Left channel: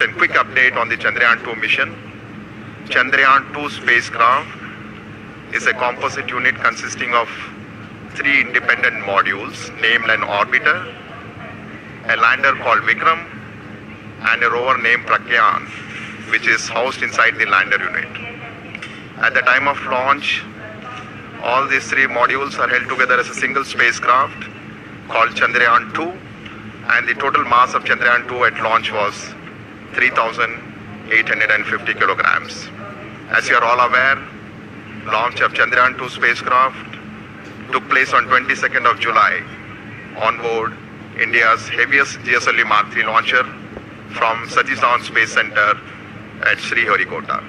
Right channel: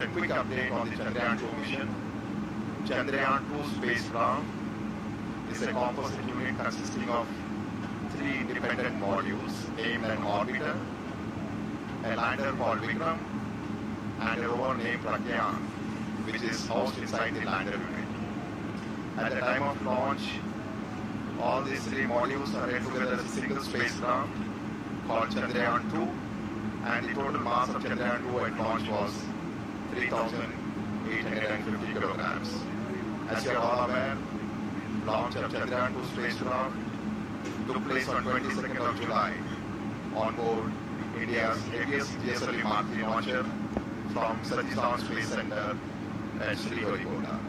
A quick update on the Chandrayaan 2 mission. Chandrayaan 2 spacecraft is a composite unit consisting of 3 independent modules named an orbiter, a lander called Vikram, and a rover named Chandrayaan, which is housed inside the lander unit. At the time of launch, all these 3 modules are held together as a single spacecraft called Chandrayaan 2, and the total mass of Chandrayaan 2 at launch was 3,850 kilograms. As you are all aware, launch of Chandrayaan 2 spacecraft took place on 22nd of July on board India's heaviest GSLV Mark III launcher from Satish Dhawan Space Center at Sriharikota.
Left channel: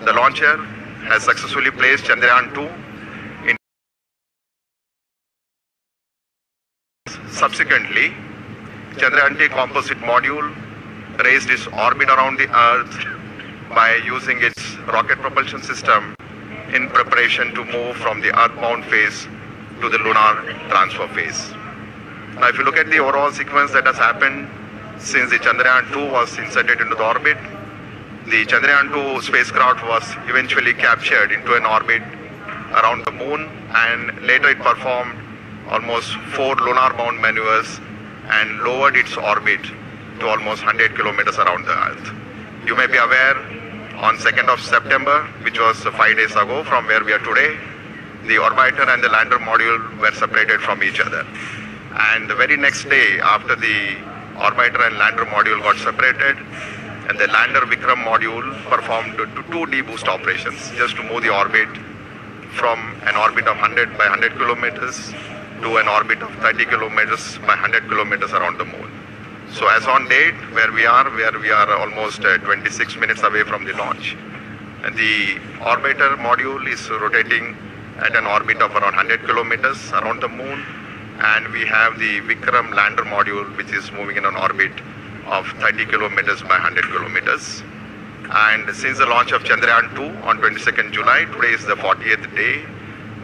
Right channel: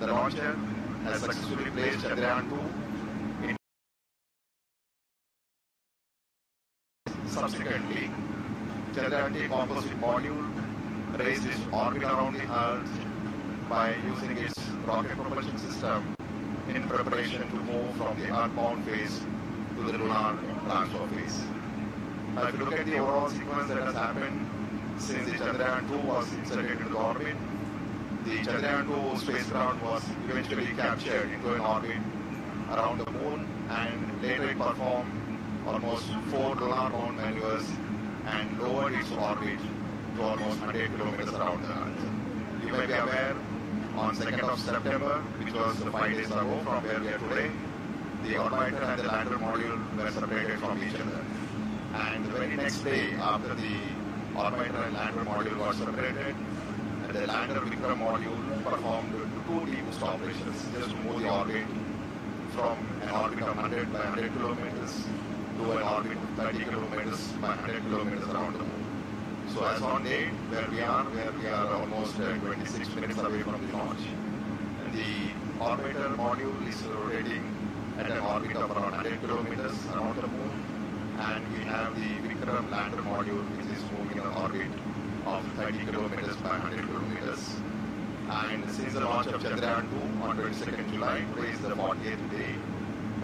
The launcher has successfully placed Chandrayaan 2 in. Subsequently, Chandrayaan 2 composite module raised its orbit around the Earth by using its rocket propulsion system in preparation to move from the earthbound phase to the lunar transfer phase. Now, if you look at the overall sequence that has happened since the Chandrayaan 2 was inserted into the orbit, the Chandrayaan 2 spacecraft was eventually captured into an orbit around the moon, and later it performed almost 4 lunar-bound maneuvers and lowered its orbit to almost 100 kilometers around the Earth. You may be aware, on 2nd of September, which was 5 days ago from where we are today, the orbiter and the lander module were separated from each other. And the very next day, after the orbiter and lander module got separated, and the lander Vikram module performed 2 deboost operations just to move the orbit from an orbit of 100 by 100 kilometers to an orbit of 30 kilometers by 100 kilometers around the moon. So as on date, where we are almost 26 minutes away from the launch. And the orbiter module is rotating at an orbit of around 100 kilometers around the moon. And we have the Vikram lander module, which is moving in an orbit of 30 kilometers by 100 kilometers. And since the launch of Chandrayaan 2 on 22nd July, today is the 40th day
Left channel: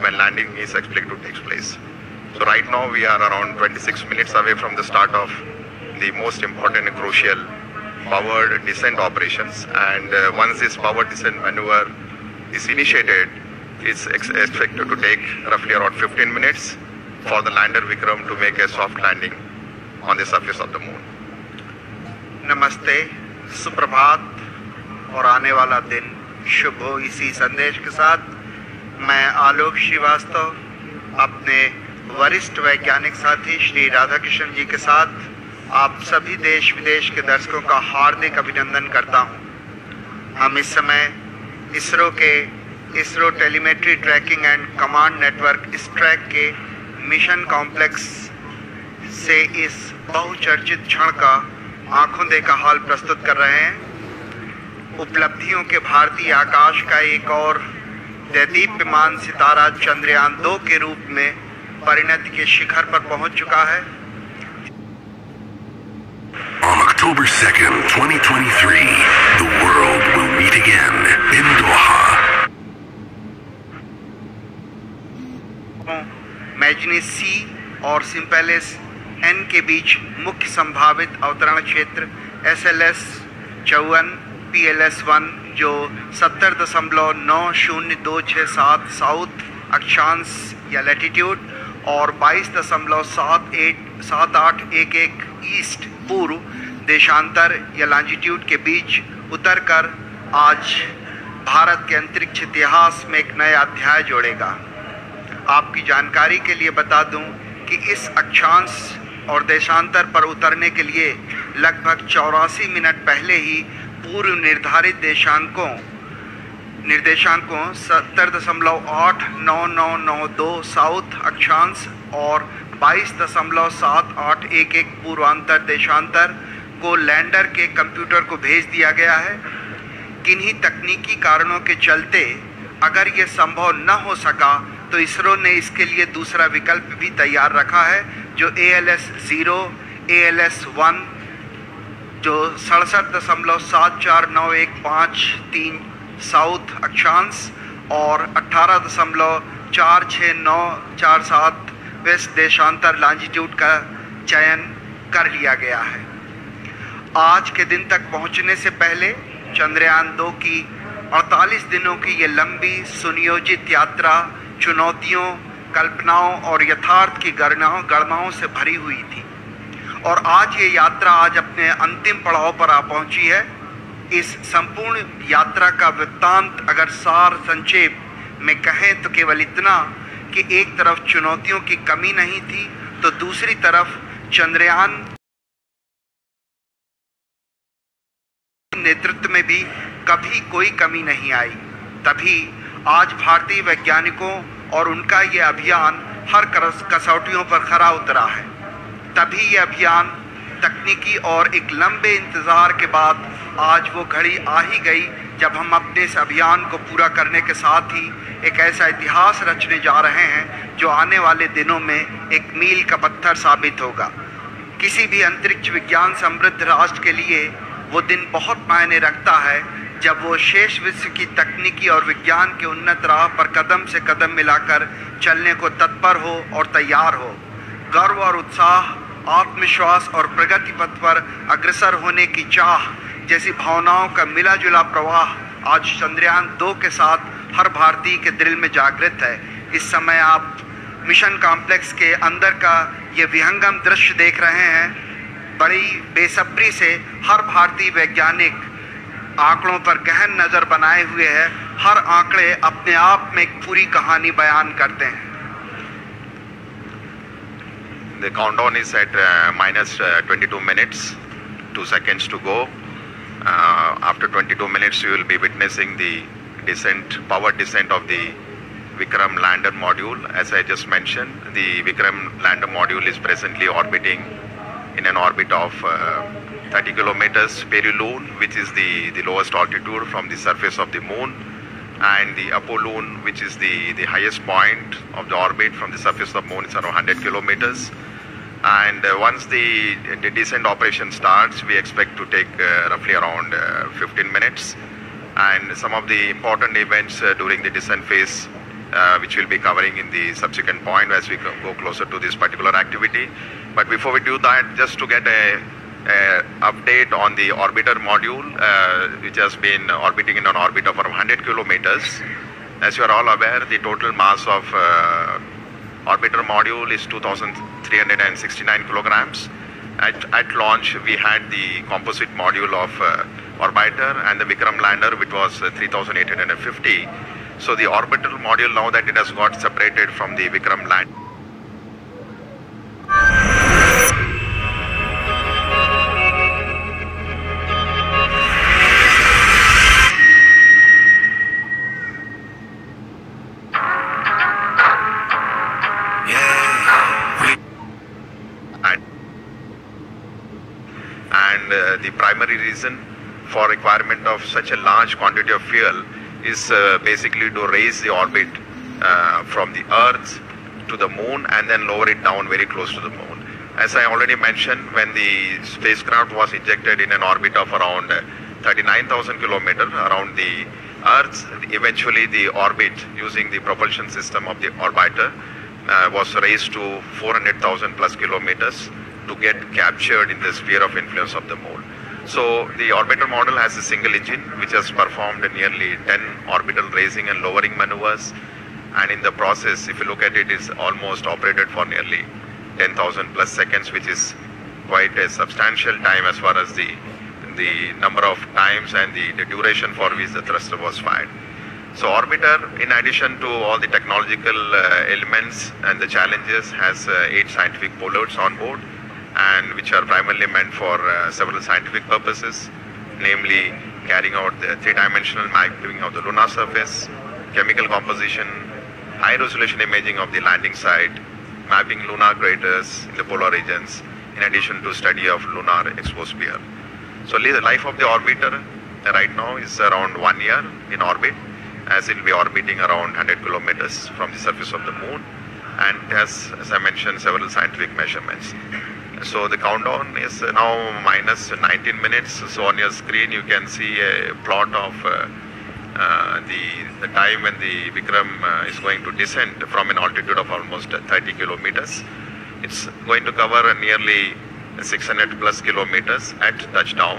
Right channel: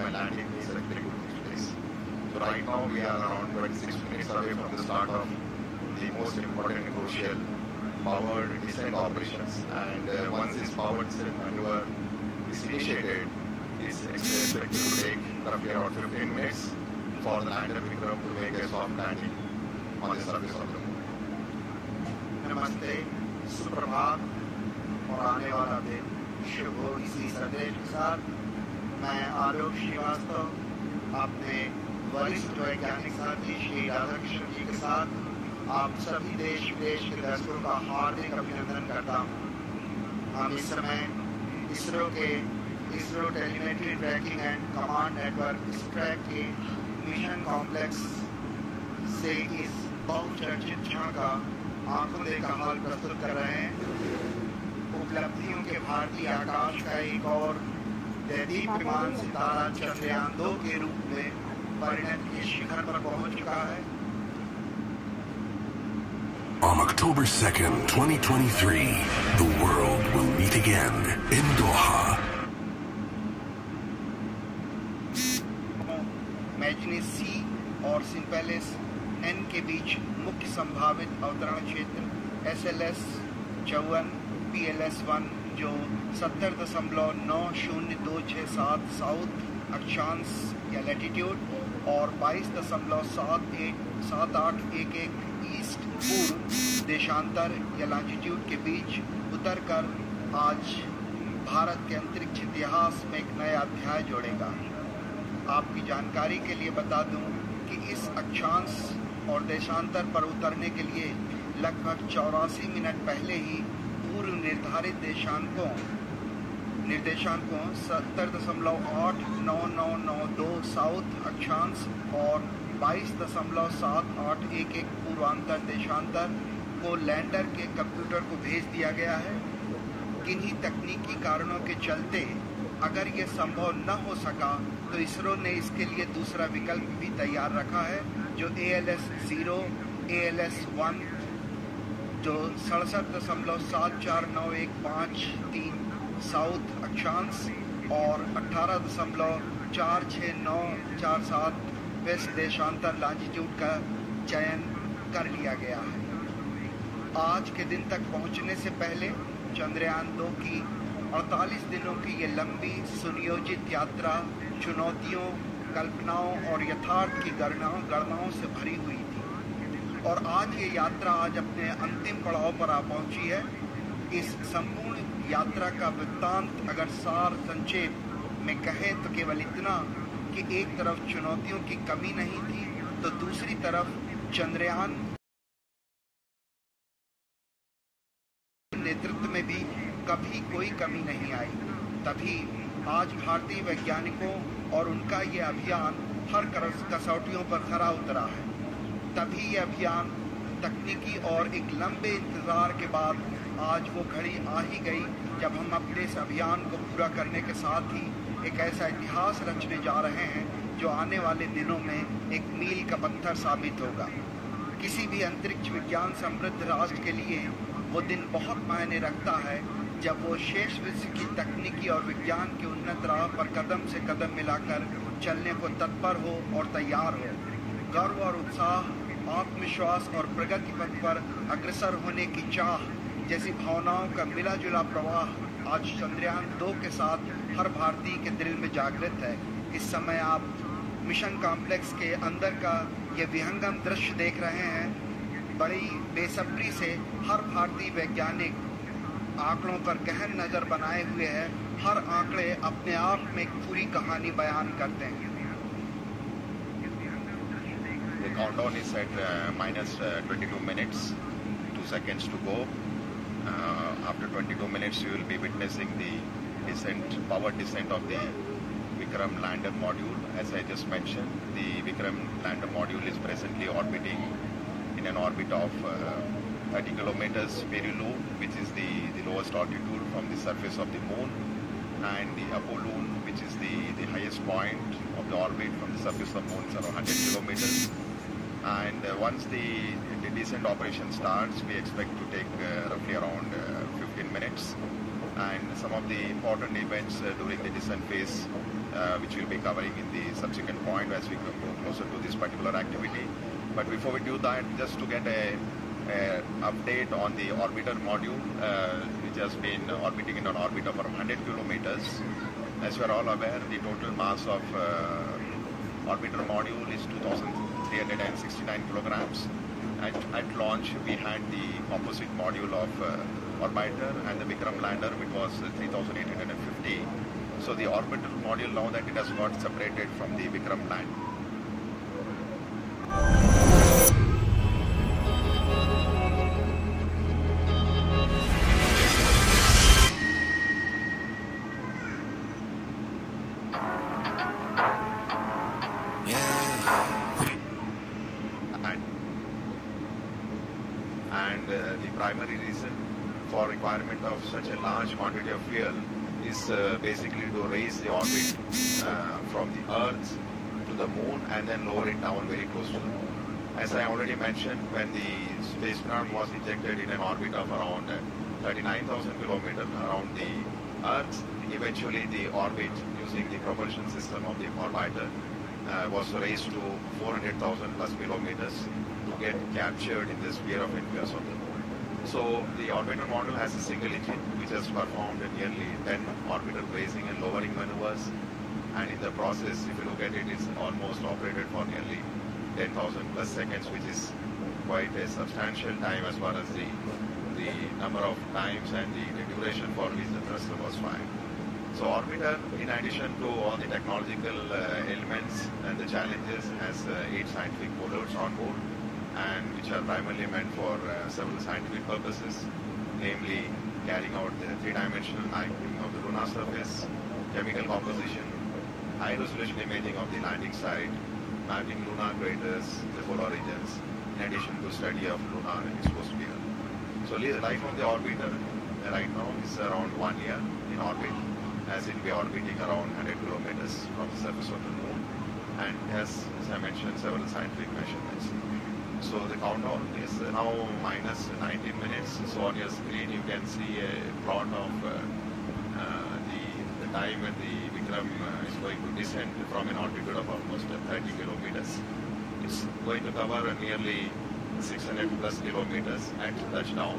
when landing is expected to take place. So right now we are around 26 minutes away from the start of the most important and crucial powered descent operations. And once this powered descent maneuver is initiated, it's expected to take roughly around 15 minutes for the lander Vikram to make a soft landing on the surface of the moon. नमस्ते, सुप्रभात और आने वाला दिन शुभ हो। इसी संदेश के साथ मैं आलोक श्रीवास्तव अपने वरिष्ठ वैज्ञानिक साथी श्री राधाकृष्ण जी के साथ आप सभी देश विदेश के दर्शकों का हार्दिक अभिनंदन करता हूं। हम इस समय ISRO telemetry tracking and command network ISTRAC के मिशन कॉम्प्लेक्स से इस बहुचर्चित क्षण का आंखों देखा हाल प्रस्तुत कर रहे हैं। उपलब्धियों के भारतीय आकाश का एक और दैदीप्यमान सितारा चंद्रयान 2 के रूप में परिणति के शिखर पर पहुंच चुका है। On October 2nd, 2023, the world will meet again in Doha. मैग्नीज सी और सिंपेलिस एन के बीच मुख्य संभावित अवतरण क्षेत्र SLS 54 PLS1 जो 70.9027 साउथ अक्षांश या लैटिट्यूड और 22.7811 ईस्ट पूर्व देशांतर या लॉन्जिट्यूड के बीच उतरकर आज भारत के अंतरिक्ष इतिहास में एक नया अध्याय जोड़ेगा। आपकी जानकारी के लिए बता दूं कि इस अक्षांश और देशांतर पर उतरने के लिए लगभग 84 मिनट पहले ही पूर्व निर्धारित निर्देशांकों 70.89992 साउथ अक्षांश और 22.7811 पूर्वांतर देशांतर को लैंडर के कंप्यूटर को भेज दिया गया है। किन्हीं तकनीकी कारणों के चलते अगर ये संभव न हो सका तो इसरो ने इसके लिए दूसरा विकल्प भी तैयार रखा है, जो ALS-0 ALS-1 जो 67.74915 साउथ अक्षांश और 18.46947 वेस्ट देशांतर लॉन्जिट्यूड का चयन कर लिया गया है। आज के दिन तक पहुंचने से पहले चंद्रयान 2 की 48 दिनों की ये लंबी सुनियोजित यात्रा चुनौतियों, कल्पनाओं और यथार्थ की गणनाओं से भरी हुई थी। और आज ये यात्रा आज अपने अंतिम पड़ाव पर आ पहुंची है। इस संपूर्ण यात्रा का वृत्तांत अगर सार संक्षेप में कहें तो केवल इतना कि एक तरफ चुनौतियों की कमी नहीं थी तो दूसरी तरफ चंद्रयान नेतृत्व में भी कभी कोई कमी नहीं आई। तभी आज भारतीय वैज्ञानिकों और उनका ये अभियान हर कसौटियों पर खरा उतरा है। तभी ये अभियान तकनीकी और एक लंबे इंतजार के बाद आज वो घड़ी आ ही गई जब हम अपने इस अभियान को पूरा करने के साथ ही एक ऐसा इतिहास रचने जा रहे हैं जो आने वाले दिनों में एक मील का पत्थर साबित होगा। किसी भी अंतरिक्ष विज्ञान समृद्ध राष्ट्र के लिए वो दिन बहुत मायने रखता है जब वो शेष विश्व की तकनीकी और विज्ञान के उन्नत राह पर कदम से कदम मिलाकर चलने को तत्पर हो और तैयार हो। गर्व और उत्साह, आत्मविश्वास और प्रगति पथ पर अग्रसर होने की चाह जैसी भावनाओं का मिला जुला प्रवाह आज चंद्रयान 2 के साथ हर भारतीय के दिल में जागृत है। इस समय आप मिशन कॉम्प्लेक्स के अंदर का ये विहंगम दृश्य देख रहे हैं। बड़ी बेसब्री से हर भारतीय वैज्ञानिक आंकड़ों पर गहन नजर बनाए हुए है। हर आंकड़े अपने आप में एक पूरी कहानी बयान करते हैं। The countdown is at minus 22 minutes, 2 seconds to go. After 22 minutes, you will be witnessing the power descent of the Vikram lander module. As I just mentioned, the Vikram lander module is presently orbiting in an orbit of 30 kilometers peri-Lune, which is the lowest altitude from the surface of the moon, and the Apo-Lune, which is the highest point of the orbit from the surface of the moon, is around 100 kilometers. And once the descent operation starts, we expect to take roughly around 15 minutes. And some of the important events during the descent phase, which we'll be covering in the subsequent point as we go closer to this particular activity. But before we do that, just to get a update on the orbiter module, which has been orbiting in an orbit of around 100 kilometers. As you are all aware, the total mass of orbiter module is 2,369 kilograms. At launch, we had the composite module of orbiter and the Vikram lander, which was 3,850. So the orbital module, now that it has got separated from the Vikram lander, the primary reason for requirement of such a large quantity of fuel is basically to raise the orbit from the Earth to the moon and then lower it down very close to the moon. As I already mentioned, when the spacecraft was ejected in an orbit of around 39,000 kilometers around the Earth, eventually the orbit using the propulsion system of the orbiter was raised to 400,000 plus kilometers to get captured in the sphere of influence of the moon. So the orbiter model has a single engine which has performed nearly 10 orbital raising and lowering maneuvers, and in the process, if you look at it, is almost operated for nearly 10,000 plus seconds, which is quite a substantial time as far as the number of times and the duration for which the thruster was fired. So orbiter, in addition to all the technological elements and the challenges, has 8 scientific payloads on board, and which are primarily meant for several scientific purposes, namely carrying out the 3-dimensional mapping of the lunar surface, chemical composition, high-resolution imaging of the landing site, mapping lunar craters in the polar regions, in addition to study of lunar exosphere. So the life of the orbiter right now is around 1 year in orbit, as it will be orbiting around 100 kilometers from the surface of the moon, and has, as I mentioned, several scientific measurements. So the countdown is now minus 19 minutes. So on your screen you can see a plot of the time when the Vikram is going to descend from an altitude of almost 30 kilometers. It's going to cover nearly 600 plus kilometers at touchdown,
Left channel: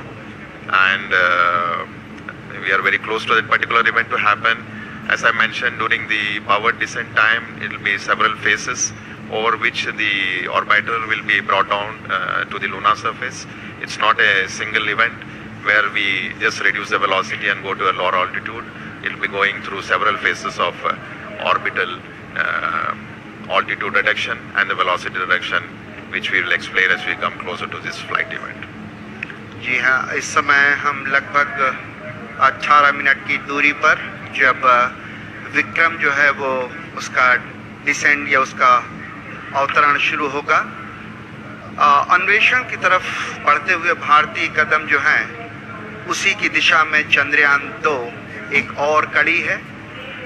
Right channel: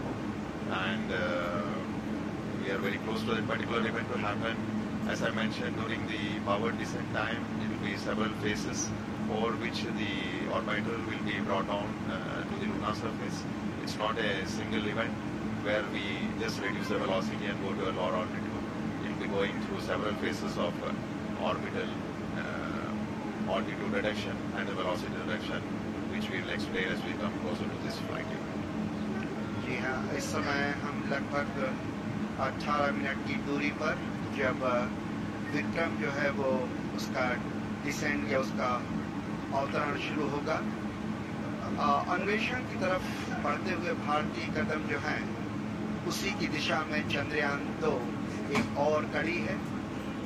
and we are very close to that particular event to happen. As I mentioned, during the powered descent time, it will be several phases over which the orbiter will be brought down to the lunar surface. It's not a single event where we just reduce the velocity and go to a lower altitude. It will be going through several phases of orbital altitude reduction and the velocity reduction, which we will explain as we come closer to this flight event. जी हाँ, इस समय हम लगभग 18 minute की दूरी पर जब विक्रम जो है वो उसका डिसेंड या उसका अवतरण शुरू होगा, अन्वेषण की तरफ बढ़ते हुए भारतीय कदम जो हैं उसी की दिशा में चंद्रयान 2 एक और कड़ी है।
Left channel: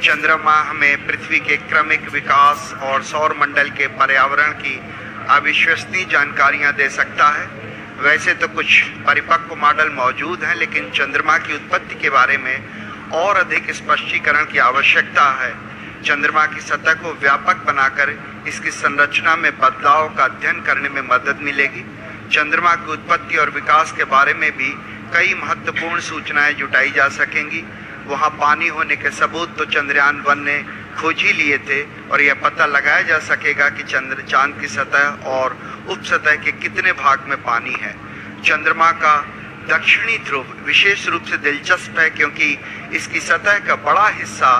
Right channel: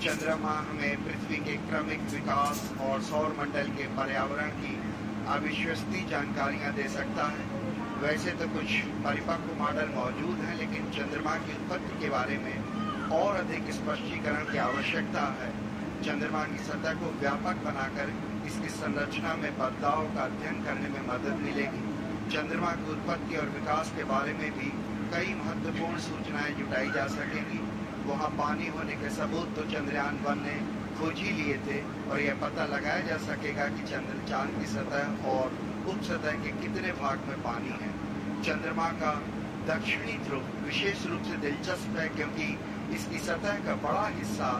चंद्रमा हमें पृथ्वी के क्रमिक विकास और सौर मंडल के पर्यावरण की अविश्वसनीय जानकारियां दे सकता है। वैसे तो कुछ परिपक्व मॉडल मौजूद हैं, लेकिन चंद्रमा की उत्पत्ति के बारे में और अधिक स्पष्टीकरण की आवश्यकता है। चंद्रमा की सतह को व्यापक बनाकर इसकी संरचना में बदलाव का अध्ययन करने में मदद मिलेगी। चंद्रमा की उत्पत्ति और विकास के बारे में भी कई महत्वपूर्ण सूचनाएं जुटाई जा सकेंगी। वहां पानी होने के सबूत तो चंद्रयान 1 ने खोज ही लिए थे और यह पता लगाया जा सकेगा कि चांद की सतह और उपसतह के कितने भाग में पानी है। चंद्रमा का दक्षिणी ध्रुव विशेष रूप से दिलचस्प है, क्योंकि इसकी सतह का बड़ा हिस्सा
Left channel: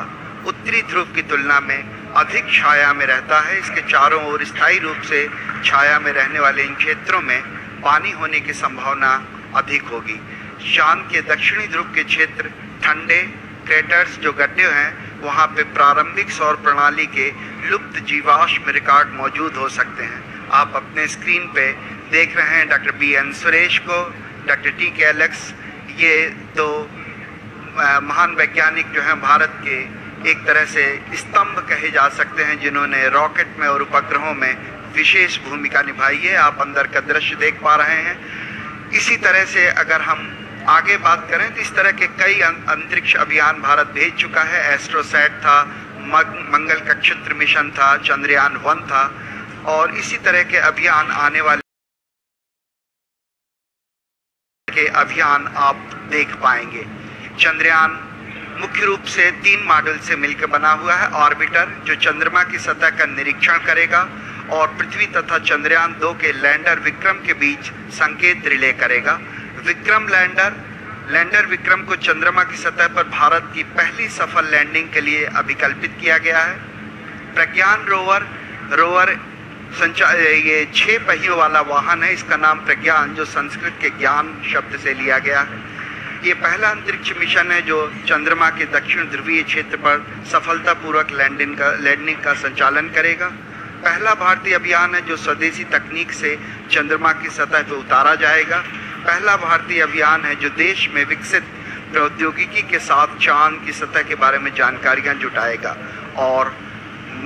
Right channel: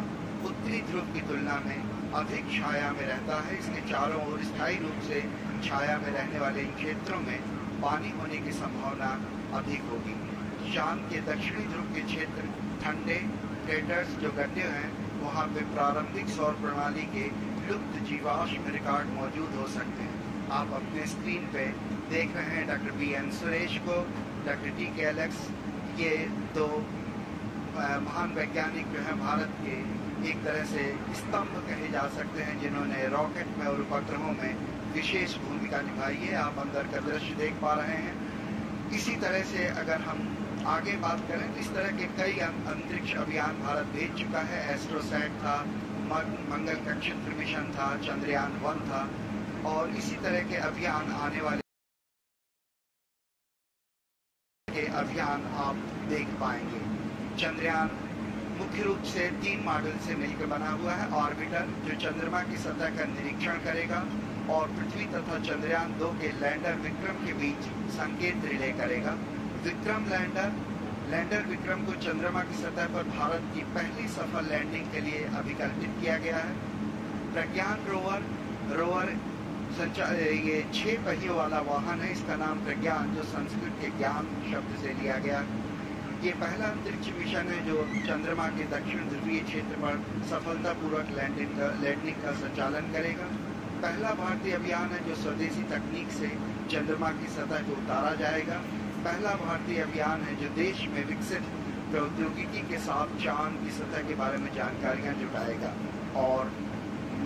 उत्तरी ध्रुव की तुलना में अधिक छाया में रहता है। इसके चारों ओर स्थायी रूप से छाया में रहने वाले इन क्षेत्रों में पानी होने की संभावना अधिक होगी। चांद के दक्षिणी ध्रुव के क्षेत्र ठंडे क्रेटर्स जो गड्ढे हैं, वहां पे प्रारंभिक सौर प्रणाली के लुप्त जीवाश्म रिकॉर्ड मौजूद हो सकते हैं। आप अपने स्क्रीन पे देख रहे हैं डॉक्टर BN सुरेश को, डॉक्टर TK एलेक्स, ये दो महान वैज्ञानिक जो हैं भारत के एक तरह से स्तंभ कहे जा सकते हैं, जिन्होंने रॉकेट में और उपग्रहों में विशेष भूमिका निभाई है। आप अंदर का दृश्य देख पा रहे हैं। इसी तरह से अगर हम आगे बात करें तो इस तरह के कई अंतरिक्ष अभियान भारत भेज चुका है। एस्ट्रोसैट था, मंगल कक्षत्र मिशन था, चंद्रयान 1 था, और इसी तरह के अभियान आने वाले के अभियान आप देख पाएंगे। चंद्रयान मुख्य रूप से 3 मॉडल से मिलकर बना हुआ है। ऑर्बिटर जो चंद्रमा की सतह का निरीक्षण करेगा और पृथ्वी तथा चंद्रयान 2 के लैंडर विक्रम के बीच संकेत रिले करेगा। विक्रम लैंडर विक्रम को चंद्रमा की सतह पर भारत की पहली सफल लैंडिंग के लिए अभिकल्पित किया गया है। प्रज्ञान रोवर ये 6 पहियों वाला वाहन है। इसका नाम प्रज्ञान, जो संस्कृत के ज्ञान शब्द से लिया गया है। ये पहला अंतरिक्ष मिशन है जो चंद्रमा के दक्षिण ध्रुवीय क्षेत्र पर सफलतापूर्वक लैंडिंग का संचालन करेगा। पहला भारतीय अभियान है जो स्वदेशी तकनीक से चंद्रमा की सतह पर उतारा जाएगा। पहला भारतीय अभियान है जो देश में विकसित प्रौद्योगिकी के साथ चांद की सतह के बारे में जानकारियां जुटाएगा। और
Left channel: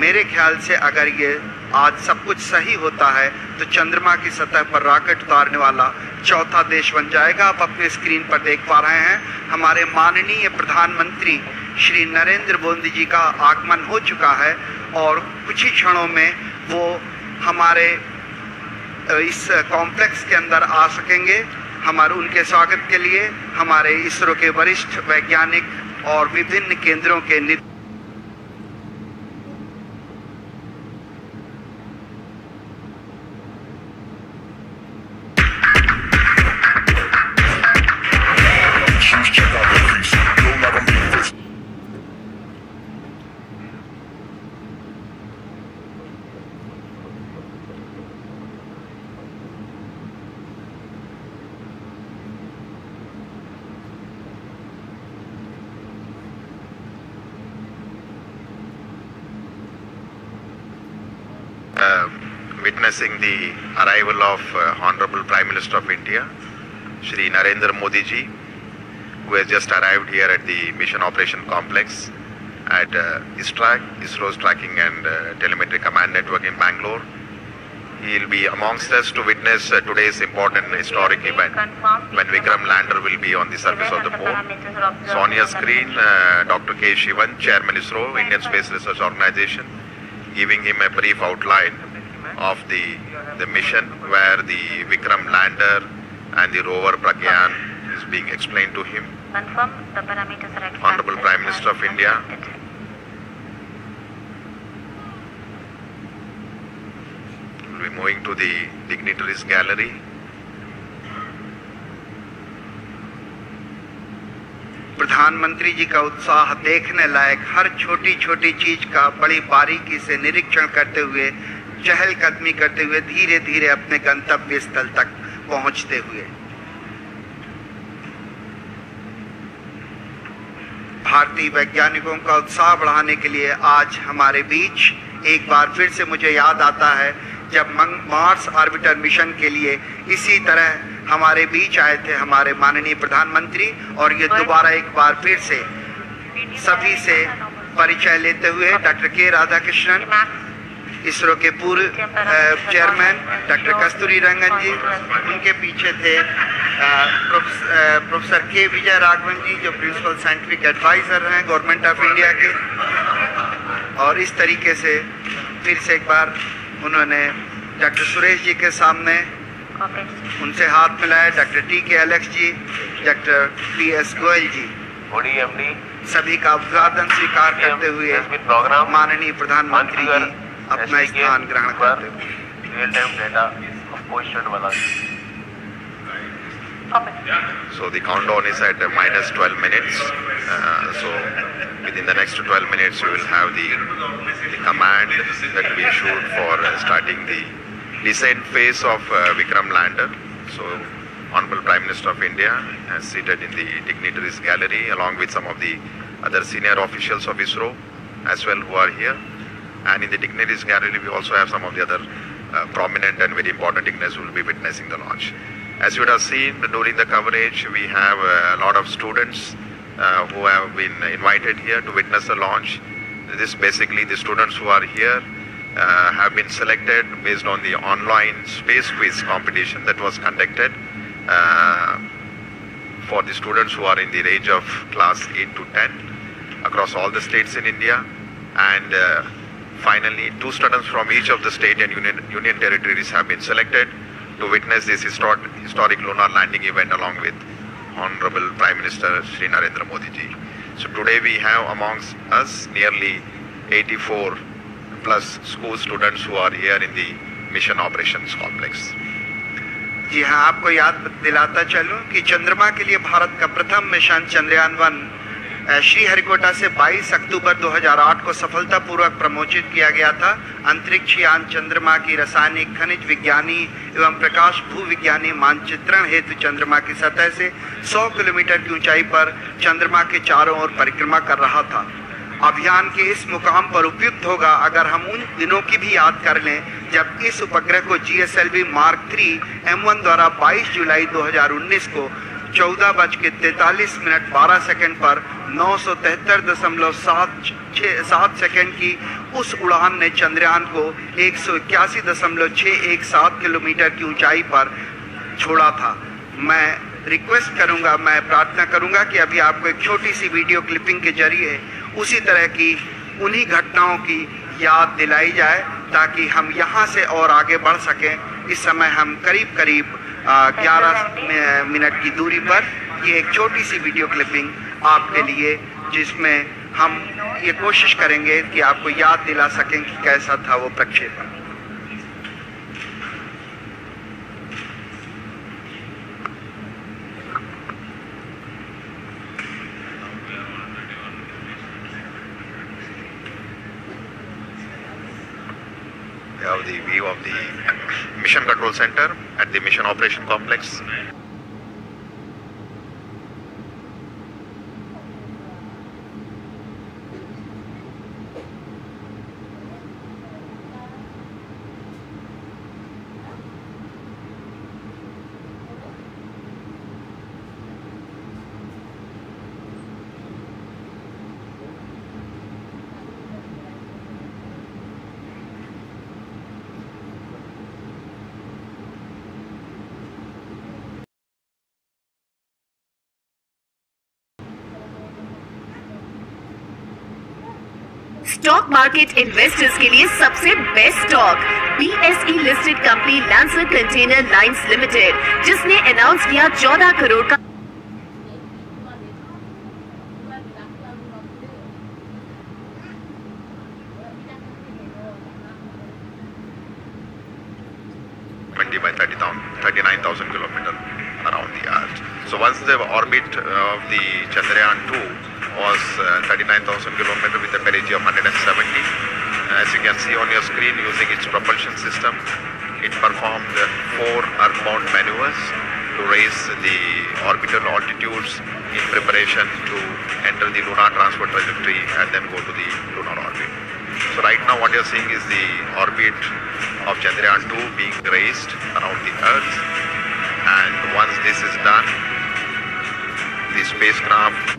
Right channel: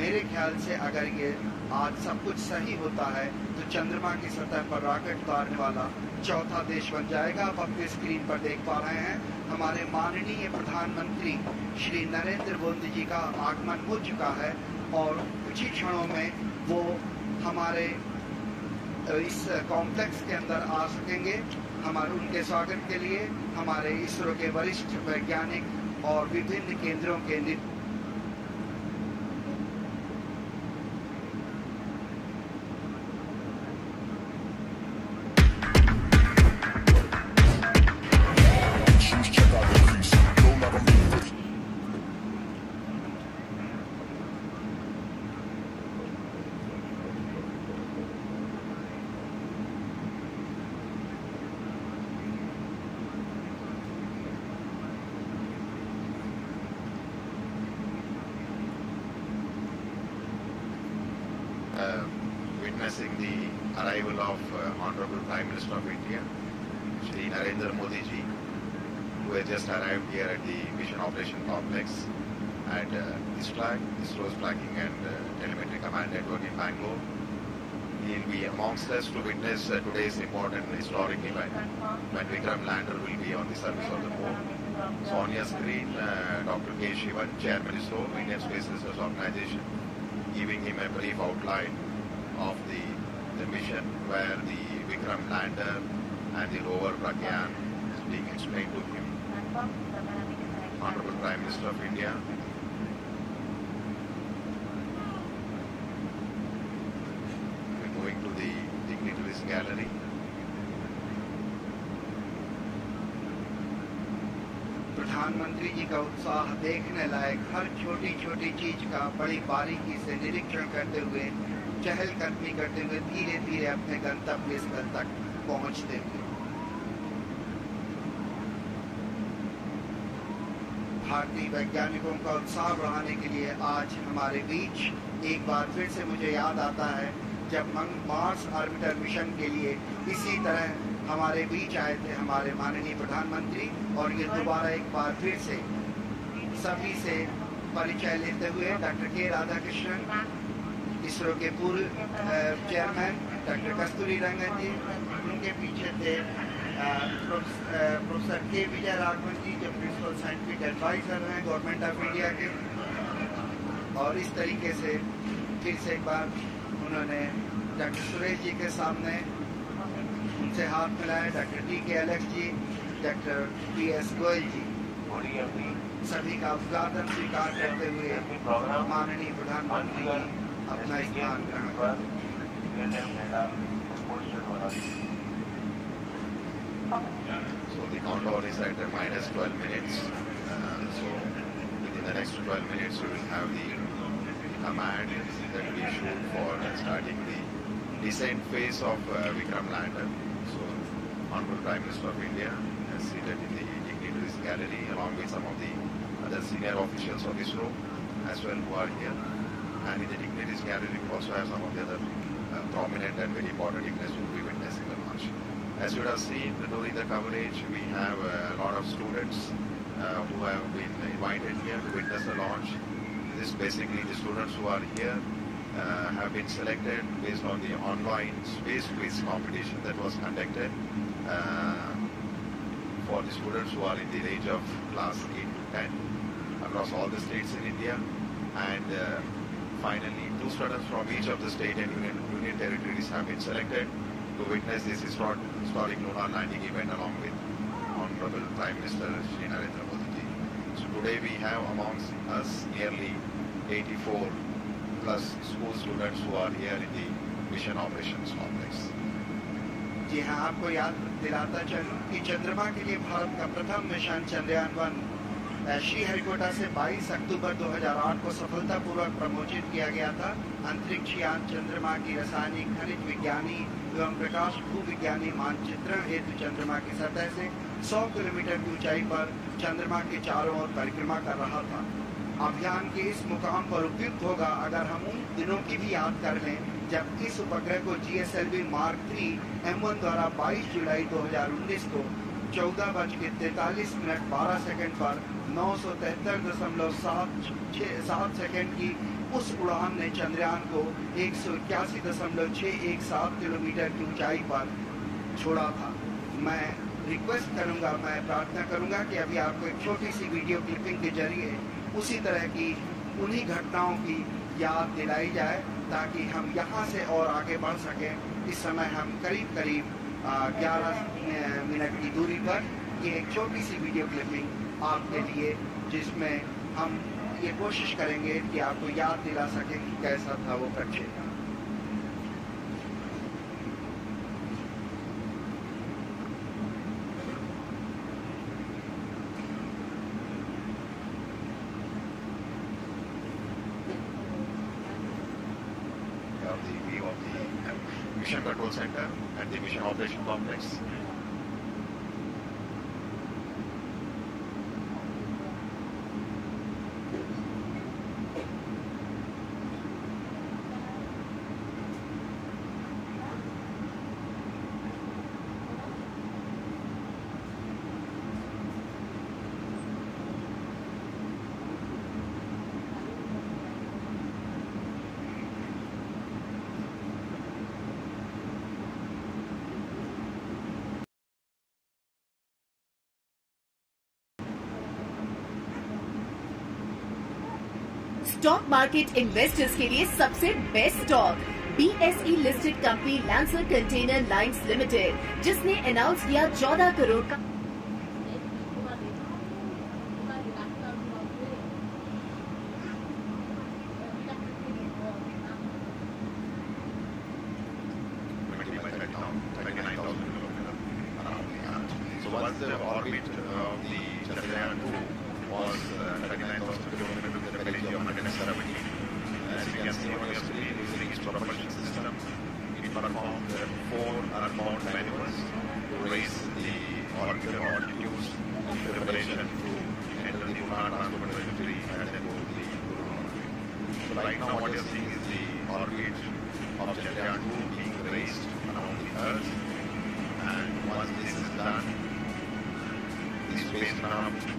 मेरे ख्याल से अगर ये आज सब कुछ सही होता है तो चंद्रमा की सतह पर रॉकेट उतारने वाला चौथा देश बन जाएगा। आप अपने स्क्रीन पर देख पा रहे हैं हमारे माननीय प्रधानमंत्री श्री नरेंद्र मोदी जी का आगमन हो चुका है और कुछ ही क्षणों में वो हमारे इस कॉम्प्लेक्स के अंदर आ सकेंगे। हमारे उनके स्वागत के लिए हमारे इसरो के वरिष्ठ वैज्ञानिक और विभिन्न केंद्रों के witnessing the arrival of Honorable Prime Minister of India, Shri Narendra Modi ji, who has just arrived here at the Mission Operation Complex at ISRO's Tracking and Telemetry Command Network in Bangalore. He will be amongst us to witness today's important historic event when Vikram lander will be on the surface of the moon. So on your screen, Dr. K. Shivan, Chairman ISRO, Indian Space Research Organization, giving him a brief outline of the the mission where the Vikram lander and the rover Pragyan is being explained to him. Confirm the parameters are at Honorable Prime Minister of India. We'll be moving to the dignitaries gallery. प्रधानमंत्री जी का उत्साह देखने लायक, हर छोटी छोटी चीज का बड़ी बारीकी से निरीक्षण करते हुए, चहलकदमी करते हुए धीरे धीरे अपने गंतव्य स्थल तक पहुंचते हुए। भारतीय वैज्ञानिकों का उत्साह बढ़ाने के लिए आज हमारे बीच एक बार फिर से मुझे याद आता है जब मार्स ऑर्बिटर मिशन के लिए इसी तरह हमारे बीच आए थे हमारे माननीय प्रधानमंत्री, और ये दोबारा एक बार फिर से सभी से परिचय लेते हुए डॉक्टर के राधाकृष्णन, इसरो के पूर्व चेयरमैन डॉक्टर कस्तूरी रंगन जी, उनके पीछे थे प्रोफेसर के विजय राघवन जी जो प्रिंसिपल साइंटिफिक एडवाइजर हैं गवर्नमेंट ऑफ इंडिया के, और इस तरीके से फिर से एक बार उन्होंने डॉक्टर सुरेश जी के सामने उनसे हाथ मिलाया, डॉक्टर टी के एलेक्स जी, डॉक्टर पी एस गोयल जी, सभी का अभिवादन स्वीकार करते हुए माननीय प्रधानमंत्री जी अपना स्थान ग्रहण करते So the countdown is at minus 12 minutes. So within the next 12 minutes we will have the command that we issued for starting the descent phase of Vikram lander. So Honorable Prime Minister of India is seated in the dignitaries gallery along with some of the other senior officials of ISRO as well who are here. And in the dignitaries gallery we also have some of the other prominent and very important dignitaries who will be witnessing the launch. As you would have seen during the coverage, we have a lot of students who have been invited here to witness the launch. This basically the students who are here have been selected based on the online space quiz competition that was conducted for the students who are in the range of class 8 to 10 across all the states in India. And finally, 2 students from each of the state and union territories have been selected to witness this historic lunar landing event along with Honorable Prime Minister Shri Narendra Modi ji. So today we have amongst us nearly 84 plus school students who are here in the Mission Operations Complex. जी हाँ, आपको याद दिलाता चलूं कि चंद्रमा के लिए भारत का प्रथम मिशन चंद्रयान 1 श्रीहरिकोटा से 22 अक्टूबर 2008 को सफलतापूर्वक प्रमोचित किया गया था। अंतरिक्ष यान चंद्रमा की रासायनिक, खनिज विज्ञानी एवं प्रकाश भूविज्ञानी मानचित्रण हेतु चंद्रमा की सतह से 100 किलोमीटर की ऊंचाई पर चंद्रमा के चारों ओर परिक्रमा कर रहा था। अभियान के इस मुकाम पर उपयुक्त होगा अगर हम उन दिनों की भी याद कर लें जब इस उपग्रह को GSLV Mark 3 M1 द्वारा 22 जुलाई 2019 को 14:43 पर 973.7 सेकंड की उस उड़ान ने चंद्रयान को 181.617 किलोमीटर की ऊंचाई पर छोड़ा था। मैं प्रार्थना करूंगा कि अभी आपको एक छोटी सी वीडियो क्लिपिंग के जरिए उसी तरह की उन्हीं घटनाओं की याद दिलाई जाए ताकि हम यहाँ से और आगे बढ़ सकें। इस समय हम करीब 11 मिनट की दूरी पर ये एक छोटी सी वीडियो क्लिपिंग आपके लिए, जिसमें हम ये कोशिश करेंगे कि आपको याद दिला सकें कि कैसा था वो प्रक्षेपण। We have the view of the Mission Control Center at the Mission Operation Complex. Stock market investors के लिए सबसे best stock BSE listed company lancer container lines limited, जिसने अनाउंस किया 14 करोड़ का by 39,000 kilometers around the Earth. So once the orbit of the Chandrayaan 2 was 39,000 kilometers with a perigee of 170, as you can see on your screen, using its propulsion system, it performed 4 earthbound maneuvers to raise the orbital altitudes in preparation to enter the lunar transport trajectory and then go to the lunar orbit. So right now what you're seeing is the orbit of Chandrayaan 2 being raised around the Earth, and once this is done, the spacecraft